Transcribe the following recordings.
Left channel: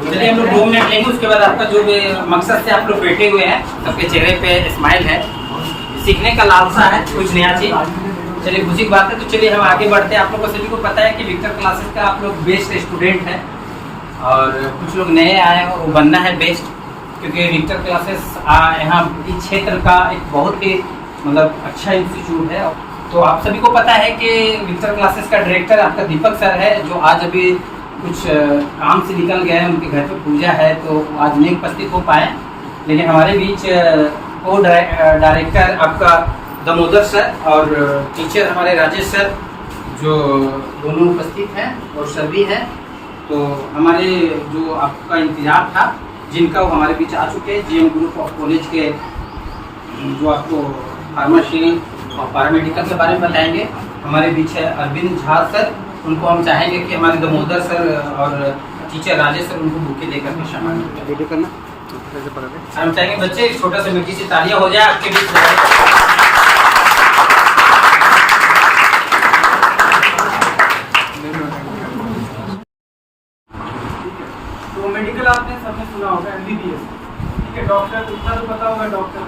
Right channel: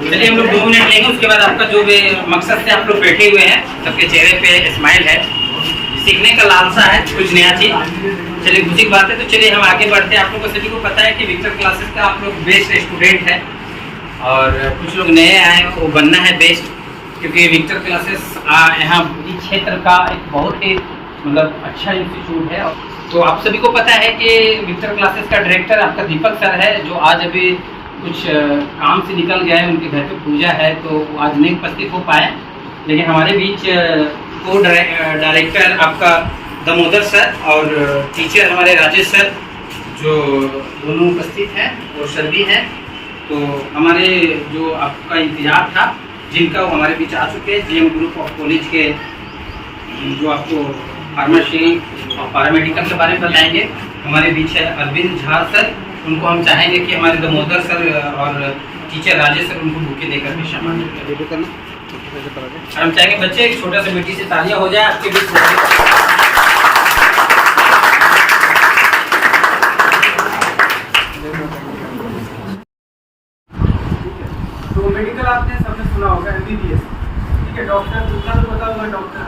चलिए हम लोग 2 मिनट लेंगे, उसके बाद आपका जो भी मकसद से आप लोग बैठे हुए हैं, सबके चेहरे पे स्माइल है, सीखने का लालसा है, कुछ नया चीज। चलिए खुशी की बात है। तो चलिए हम आगे बढ़ते हैं। आप लोगों को सभी को पता है कि विक्टर क्लासेस का आप लोग बेस्ट स्टूडेंट है और कुछ लोग नए आए हैं, वो बनना है बेस्ट, क्योंकि विक्टर क्लासेस यहाँ इस क्षेत्र का एक बहुत ही मतलब अच्छा इंस्टीट्यूट है। तो आप सभी को पता है कि विक्टर क्लासेस का डायरेक्टर आपका दीपक सर है, जो आज अभी कुछ काम से निकल गए हैं, उनके घर पे पूजा है तो आज नहीं उपस्थित हो पाए। लेकिन हमारे बीच को डायरेक्टर आपका दामोदर सर और टीचर हमारे राजेश सर जो दोनों उपस्थित हैं और सर भी हैं। तो हमारे जो आपका इंतजार था जिनका, वो हमारे बीच आ चुके हैं। जीएम ग्रुप ऑफ कॉलेज के जो आपको फार्मेसी और पैरामेडिकल के बारे में बताएंगे, हमारे बीच है अरविंद झा सर। उनको हम चाहेंगे कि हमारे दामोदर सर और टीचर राजेश सर उनको बुके देकर के सम्मान करें। हम चाहेंगे बच्चे एक छोटा सा मिट्टी से तालियां हो जाए आपके बीच। तो मेडिकल आपने सबने सुना होगा, MBBS, ठीक है। डॉक्टर उतना तो पता होगा डॉक्टर।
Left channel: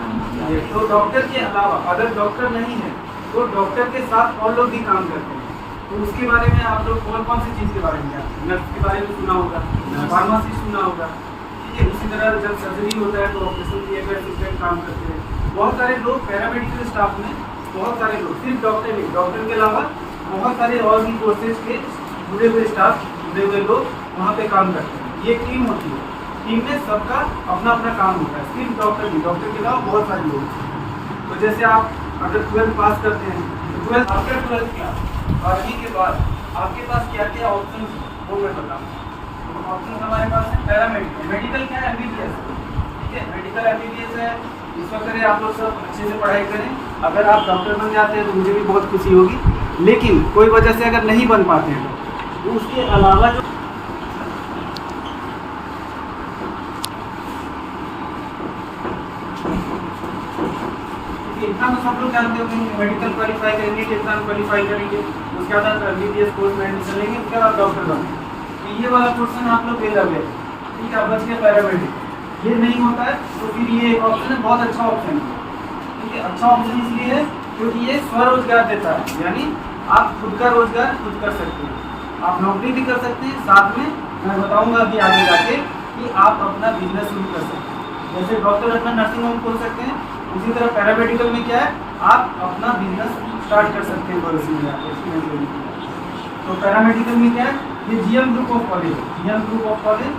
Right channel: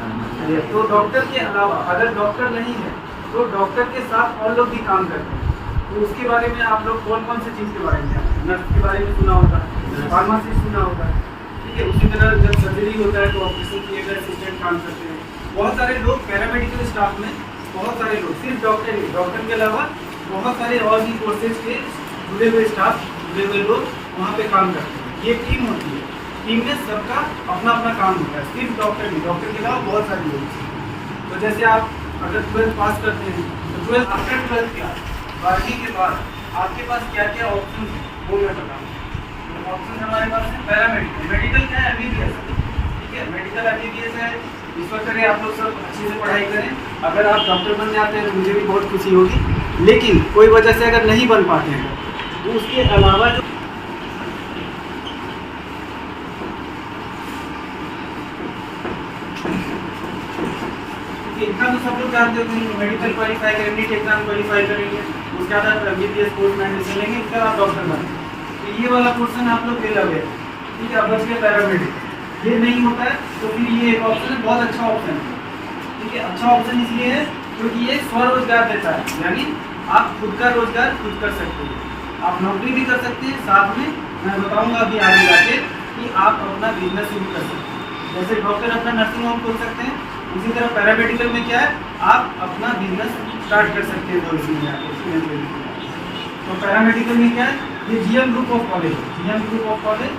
तो डॉक्टर के अलावा अगर डॉक्टर नहीं है तो डॉक्टर के साथ और लोग भी काम करते हैं। तो उसके बारे में आप लोग कौन कौन सी चीज़ के बारे में जानते हैं? नर्स के बारे में सुना होगा, फार्मासिस्ट सुना होगा, ठीक है। उसी तरह जब सर्जरी होता है तो ऑपरेशन थिएटर असिस्टेंट काम करते हैं। बहुत सारे लोग पैरामेडिकल स्टाफ में, बहुत सारे लोग, सिर्फ डॉक्टर नहीं, डॉक्टर के अलावा बहुत सारे और भी कोर्सेज के जुड़े हुए स्टाफ, जुड़े हुए लोग वहाँ पे काम करते हैं। ये टीम होती है, टीम में सबका अपना अपना काम होता है, सिर्फ डॉक्टर नहीं, डॉक्टर के अलावा बहुत सारे लोग। तो जैसे आप अगर 12th पास करते हैं तो 12th आफ्टर 12th क्लास 12वीं के बाद आपके पास क्या क्या ऑप्शन है वो मैं बताऊँ। ऑप्शन हमारे पास है पैरामेडिकल, मेडिकल क्या है, MBBS, ठीक है। मेडिकल MBBS है। इस वक्त करें आप लोग सब अच्छे से पढ़ाई करें। अगर आप डॉक्टर बन जाते हैं तो मुझे भी बहुत खुशी होगी, लेकिन कोई वजह से अगर नहीं बन पाते हैं तो उसके अलावा जो इतना तो सब लोग जानते हो कि मेडिकल क्वालिफाई करेंगे, नीट एग्जाम क्वालिफाई करेंगे, उसके बाद MBBS कोर्स में एडमिशन लेंगे, उसके बाद डॉक्टर बनेंगे। तो ये वाला पोर्सन आप लोग फेल हुए, ठीक है। बच गया पैरामेडिकल। ये नहीं होता है तो फिर ये एक ऑप्शन है, बहुत अच्छा ऑप्शन है, ठीक है। अच्छा ऑप्शन इसलिए है क्योंकि ये स्वरोजगार देता है, यानी आप खुद का रोजगार खुद कर सकते हैं, आप नौकरी भी कर सकते हैं, साथ में मैं बताऊँगा अभी आगे जाके कि आप अपना बिजनेस शुरू कर सकते हैं। जैसे डॉक्टर अपना नर्सिंग होम खोल सकते हैं, उसी तरह पैरामेडिकल में क्या है, आप अपना बिजनेस स्टार्ट कर सकते हैं भविष्य में जाके एक्सपीरियंस लेने के बाद। तो पैरामेडिकल में क्या है, ये GM group of college, GM group of college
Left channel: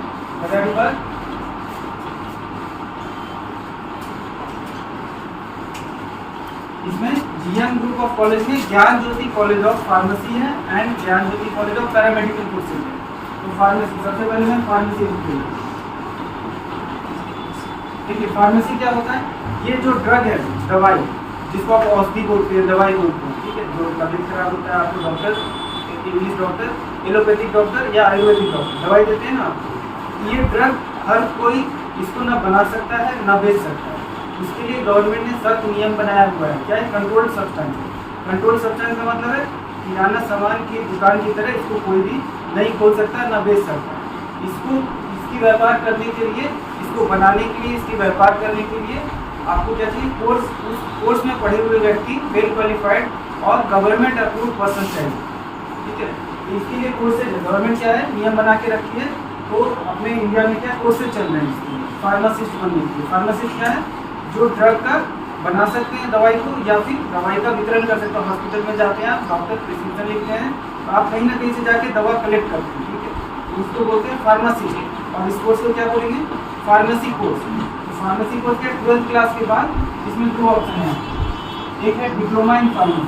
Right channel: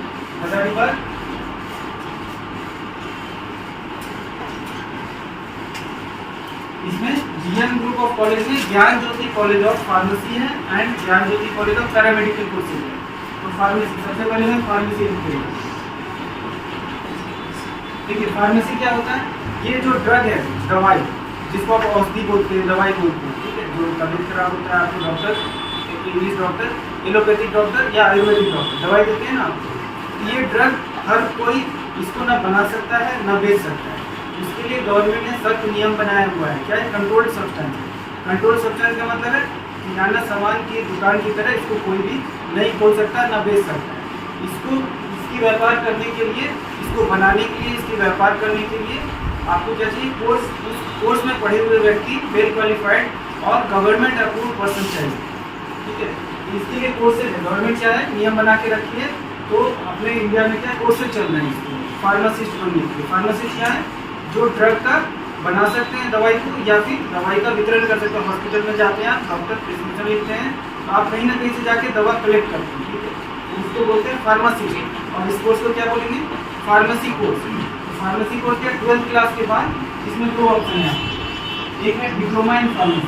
Hazaribagh, इसमें जीएम ग्रुप ऑफ कॉलेज में ज्ञान ज्योति कॉलेज ऑफ फार्मेसी है एंड ज्ञान ज्योति कॉलेज ऑफ पैरामेडिकल कोर्सेज है। तो फार्मेसी सबसे पहले मैं फार्मेसी लिखूंगा, ठीक है। फार्मेसी क्या होता है, ये जो ड्रग है, दवाई जिसको आप औषधि बोलते हैं, दवाई बोलते हैं, ठीक है। जो तबीयत खराब होता है आपको doctor, English doctor, allopathic doctor या आयुर्वेदिक डॉक्टर दवाई देते हैं ना। ये ड्रग हर कोई इसको ना बना सकता है ना बेच सकता है। इसके लिए गवर्नमेंट ने सख्त नियम बनाया हुआ है। क्या है, कंट्रोल्ड सब्सटेंस। कंट्रोल्ड सब्सटेंस का मतलब है किराना सामान की दुकान की तरह इसको कोई भी नहीं खोल सकता ना बेच सकता है। इसको इसकी व्यापार करने के लिए, इसको बनाने के लिए, इसकी व्यापार करने के लिए आपको क्या चाहिए, कोर्स, उस कोर्स में पढ़े हुए व्यक्ति, वेल क्वालिफाइड और गवर्नमेंट अप्रूव पर्सन चाहिए, ठीक है। इसके लिए कोर्सेज है, गवर्नमेंट क्या है नियम बना के रखी है। तो अपने इंडिया में क्या कोर्सेज चल रहे हैं इसके लिए, फार्मासिस्ट बनने के लिए। फार्मासिस्ट क्या है, जो ड्रग का बना सकते हैं दवाई को, या फिर दवाई का वितरण कर सकते हैं। हॉस्पिटल में जाते हैं आप, डॉक्टर प्रिस्क्रिप्शन लिखते हैं, तो आप कहीं ना कहीं से जाके दवा कलेक्ट करते हैं, ठीक है। उसको बोलते हैं फार्मासिस्ट। और इस कोर्स को क्या बोलेंगे, फार्मेसी कोर्स। फार्मेसी कोर्स के 12th क्लास के बाद इसमें 2 ऑप्शन हैं, एक है diploma in pharmacy,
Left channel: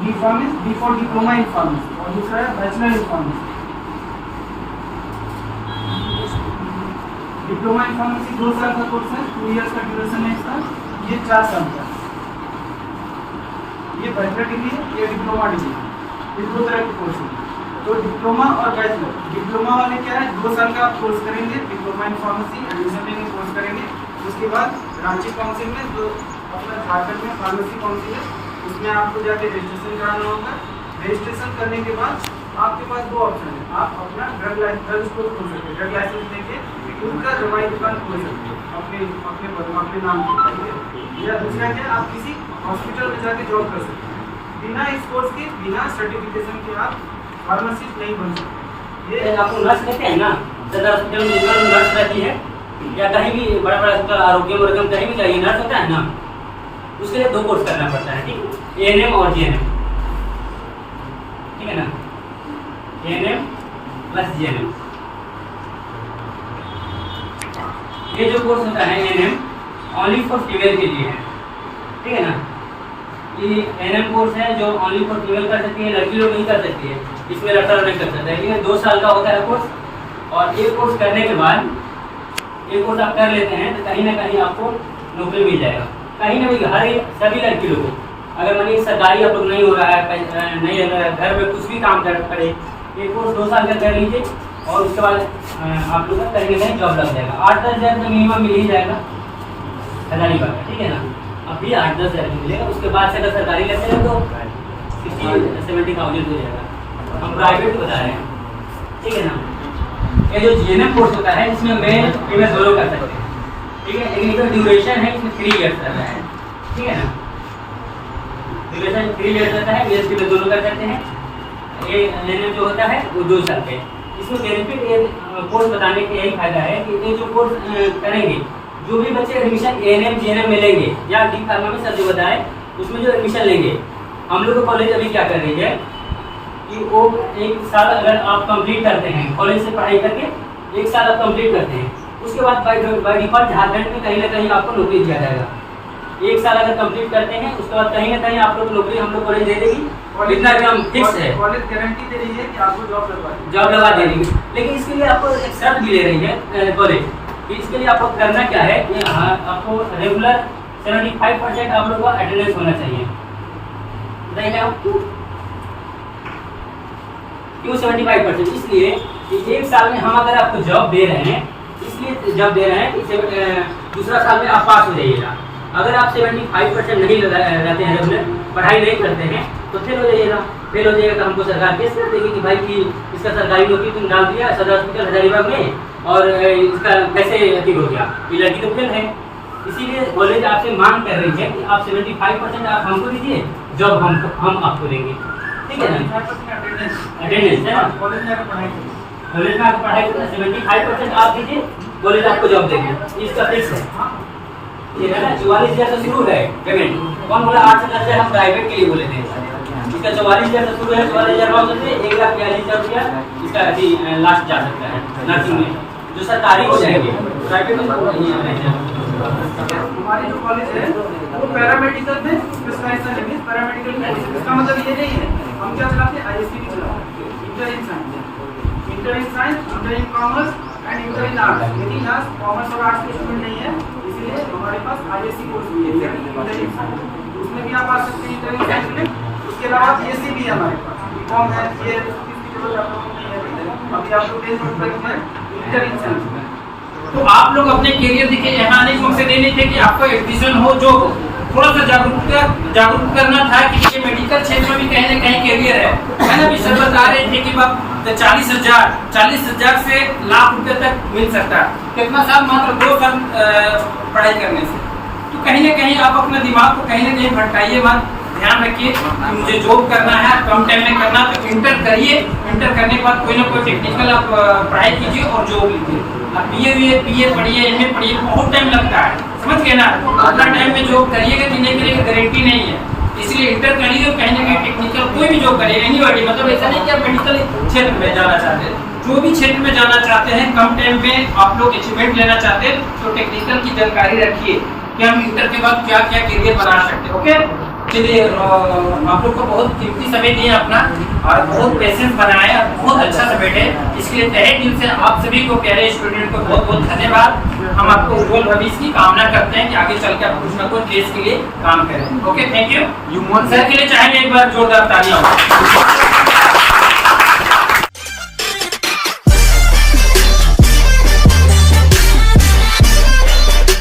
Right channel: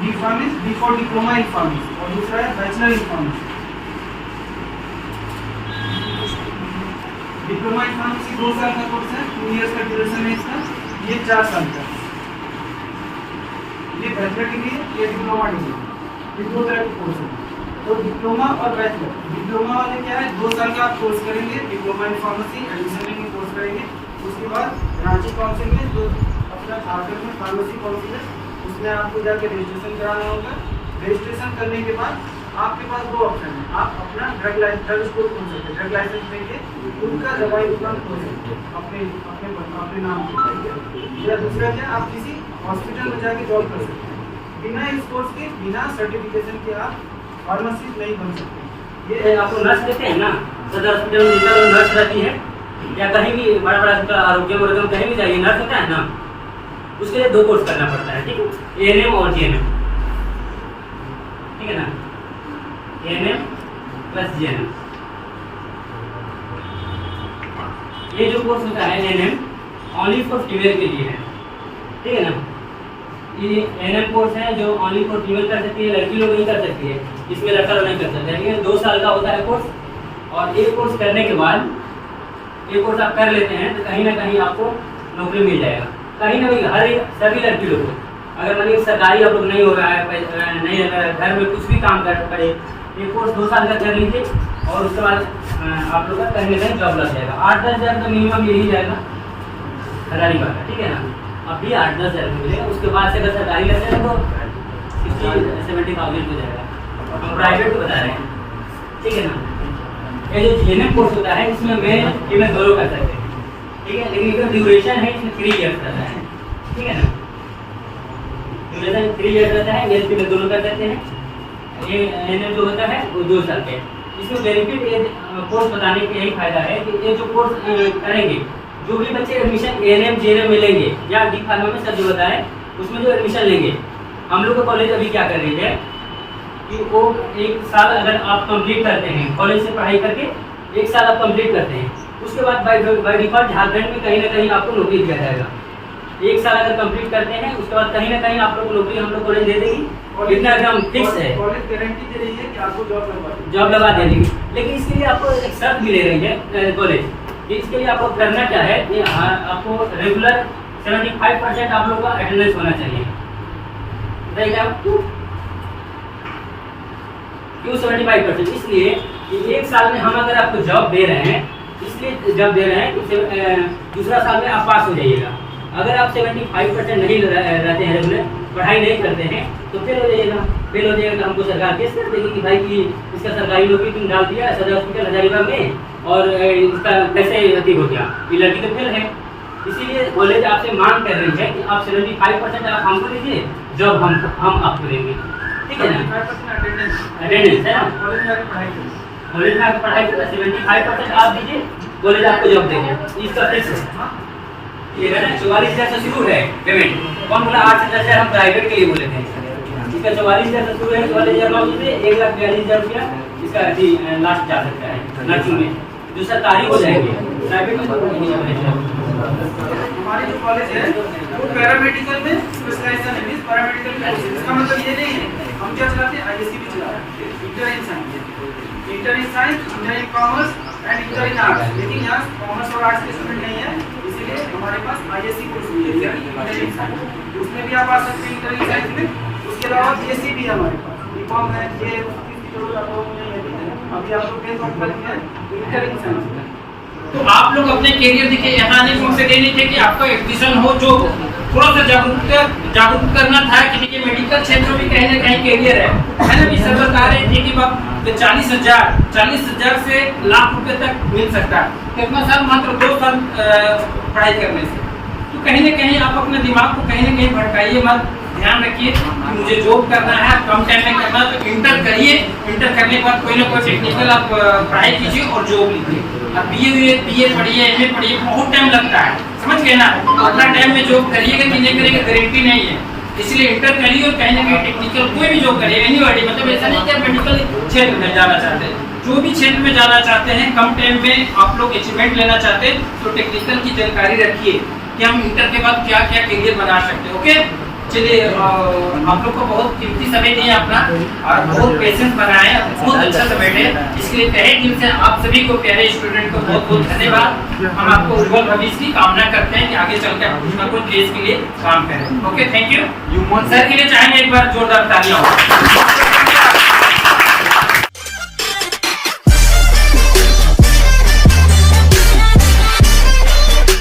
B for diploma in pharmacy, और दूसरा है bachelor in pharmacy. Diploma in pharmacy 2 साल का कोर्स है, 2 इयर्स का ड्यूरेशन है इसका। ये 4 साल का, ये बैचलर डिग्री है, ये डिप्लोमा डिग्री है। ये 2 तरह के कोर्स है। तो डिप्लोमा और बैचलर, डिप्लोमा वाले क्या है, 2 साल का आप कोर्स करेंगे, डिप्लोमा इन फार्मेसी, एडमिशन लेंगे, कोर्स करेंगे। उसके बाद रांची काउंसिल में, जो अपना झारखंड में फार्मेसी काउंसिल है, उसमें आपको जाके रजिस्ट्रेशन कराना होगा। रजिस्ट्रेशन करने के बाद आपके पास दो ऑप्शन है, आप अपना ड्रग स्टोर खोल सकते हैं, ड्रग लाइसेंस लेके उनका दवाई दुकान खोल सकते हैं अपने नाम पे। या दूसरा क्या, आप किसी हॉस्पिटल में जाके जॉब कर सकते हैं, बिना इस कोर्स के, बिना सर्टिफिकेशन के आप फार्मासिस्ट नहीं बन सकते। ये आपको नर्स कहते हैं ना, सदर हॉस्पिटल में जिधर नर्स रहती है या कहीं भी बड़ा अस्पताल आरोग्य कहीं भी जाइए, नर्स होता है ना, उसके लिए 2 कोर्स करना पड़ता है, ठीक है, ANM और GNM, ठीक है ना, ANM प्लस GNM। ये जो कोर्स होता है ANM ओनली फॉर फीमेल के लिए है, ठीक है ना। ये ANM कोर्स है जो ओनली फॉर फीमेल कर सकती है, लड़की लोग नहीं कर सकती है, इसमें लड़का नहीं कर सकता है। ये 2 साल का होता है कोर्स, और ये कोर्स करने के बाद, ये कोर्स आप कर लेते हैं तो कहीं ना कहीं आपको नौकरी मिल जाएगा, कहीं ना कहीं। हर सभी लड़की लोगों को, अगर मानिए सरकारी आप लोग नहीं हो रहा है, नहीं हो रहा है, घर में कुछ भी काम कर पड़े, ये कोर्स 2 साल का कर लीजिए, और उसके बाद आप लोग का कहीं ना कहीं जॉब लग जाएगा। 8-10 हज़ार तो मिनिमम मिल ही जाएगा, हज़ारी बात है, ठीक है ना। अभी 8-10 हज़ार मिलेगा, उसके बाद से अगर सरकारी लग जाए तो 60-70,000 हो जाएगा। हम प्राइवेट को बता रहे हैं, ठीक है ना। ये जो GNM कोर्स होता है इसमें मेल फीमेल दोनों कर सकते हैं, ठीक है, लेकिन इसका ड्यूरेशन है, इसमें 3 ईयर्स रहता है, ठीक है ना। ड्यूरेशन 3 ईयर्स रहता है, मेल फीमेल दोनों कर सकते हैं। ये ANM जो होता है वो 2 साल के। इसमें बेनिफिट, ये कोर्स बताने का यही फायदा है कि ये जो कोर्स करेंगे, जो भी बच्चे एडमिशन ANM GNM में लेंगे या डी फार्मा में सब जो बताए, उसमें जो एडमिशन लेंगे, हम लोग का कॉलेज अभी क्या कर रही है कि वो 1 साल अगर आप कंप्लीट करते हैं, कॉलेज से पढ़ाई करके 1 साल आप कंप्लीट करते हैं, उसके बाद बाय डिफॉल्ट झारखंड में कहीं ना कहीं आपको नौकरी दिया जाएगा। 1 साल अगर कंप्लीट करते हैं, उसके बाद कहीं ना कहीं आप लोग नौकरी हम लोग कॉलेज दे देगी, इतना एकदम फिक्स है। कॉलेज गारंटी दे रही है कि आपको जॉब लगा दे देगी, लेकिन इसके लिए आपको एक शर्त भी ले रही है कॉलेज कि इसके लिए आपको करना क्या है कि आपको रेगुलर 75% आप लोग का अटेंडेंस होना चाहिए। क्यों 75%? इसलिए कि 1 साल में हम अगर आपको जॉब दे रहे हैं, इसलिए जॉब दे रहे हैं कि दूसरा साल में आप पास हो जाइएगा। अगर आप 75% नहीं रहते हैं, रेगुलर पढ़ाई नहीं करते हैं, तो फेल हो जाइएगा। फेल हो जाएगा तो हमको सरकार केस कर देगी कि भाई कि इसका सरकारी नौकरी तुम डाल दिया सदर हॉस्पिटल हजारीबाग में, और इसका कैसे अति हो गया, ये लड़की तो फेल है। इसीलिए कॉलेज आपसे मांग कर रही है कि आप 75% आप हमको दीजिए, जॉब हम आपको देंगे, ठीक है ना। अटेंडेंस है ना, कॉलेज में आकर पढ़ाई करना, 75% आप दीजिए, कॉलेज आपको जॉब देंगे, इसका फिक्स है। ये है ना 44,000 से शुरू है पेमेंट। कौन बोला 8 से 10 हज़ार हम प्राइवेट के लिए बोले थे, इसका 44,000 से शुरू है, 44,000 से 1,42,000 रुपया इसका अभी लास्ट जा सकता है नर्सिंग में, जो सरकारी हो जाएंगे, प्राइवेट में हमारी जो कॉलेज है वो पैरामेडिकल में स्पेशलाइजेशन है, मींस पैरामेडिकल कोर्स। इसका मतलब ये नहीं है हम क्या चलाते हैं, ISC भी चलाते हैं, inter in science, inter in commerce and inter in arts. लेकिन यहाँ कॉमर्स और आर्ट्स के स्टूडेंट नहीं है, इसलिए हमारे पास ISC कोर्स भी है, इंटर इन साइंस, उसमें भी आप आ सकते हैं इंटर इन साइंस में। उसके अलावा BSc भी है हमारे पास, BCom है, ये इसकी जरूरत आप लोगों को नहीं है, अभी आप लोग 10th तक है इंटर इन साइंस में। तो आप लोग अपने कैरियर देखिए, यहाँ आने के मकसद ये नहीं थे कि आपका एडमिशन हो, जो थोड़ा सा जागरूक करना था कि देखिए मेडिकल क्षेत्र में भी कहीं ना कहीं कैरियर है ना। भी सब बता रहे थे कि 40,000 से लाख रुपए तक मिल सकता है, कितना साल, मात्र 2 साल पढ़ाई करने से। तो कहीं ना कहीं आप अपने दिमाग को कहीं ना कहीं भटकाइए मत, ध्यान रखिए कि मुझे जॉब करना है, कम टाइम में करना, तो इंटर करिए, इंटर करने के बाद कोई ना कोई टेक्निकल आप पढ़ाई कीजिए और जॉब लीजिए। आप BA पढ़िए, MA पढ़िए, बहुत टाइम लगता है, समझ गए ना। उतना टाइम में जॉब करिएगा कि नहीं करिएगा गारंटी नहीं है, इसलिए इंटर करिए और कहीं ना कहीं टेक्निकल कोई भी जॉब करिए, एनीबॉडी, मतलब ऐसा नहीं कि आप मेडिकल क्षेत्र में जाना चाहते हैं, जो भी क्षेत्र में जाना चाहते हैं, कम टाइम में आप लोग अचीवमेंट लेना चाहते हैं, तो टेक्निकल की जानकारी रखिए कि हम इंटर के बाद क्या क्या करियर बना सकते हैं। ओके, चलिए आप लोग को बहुत कीमती समय दिए अपना, और बहुत पेशेंस बनाए, बहुत अच्छा समय है, इसके लिए तहे दिल से आप सभी को, प्यारे स्टूडेंट को बहुत बहुत धन्यवाद। हम आपको उज्जवल भविष्य की कामना करते हैं कि आगे चल के आप कुछ ना कुछ देश के लिए काम करें। Okay, thank you. सर के लिए चाहेंगे एक बार जोरदार तालियां।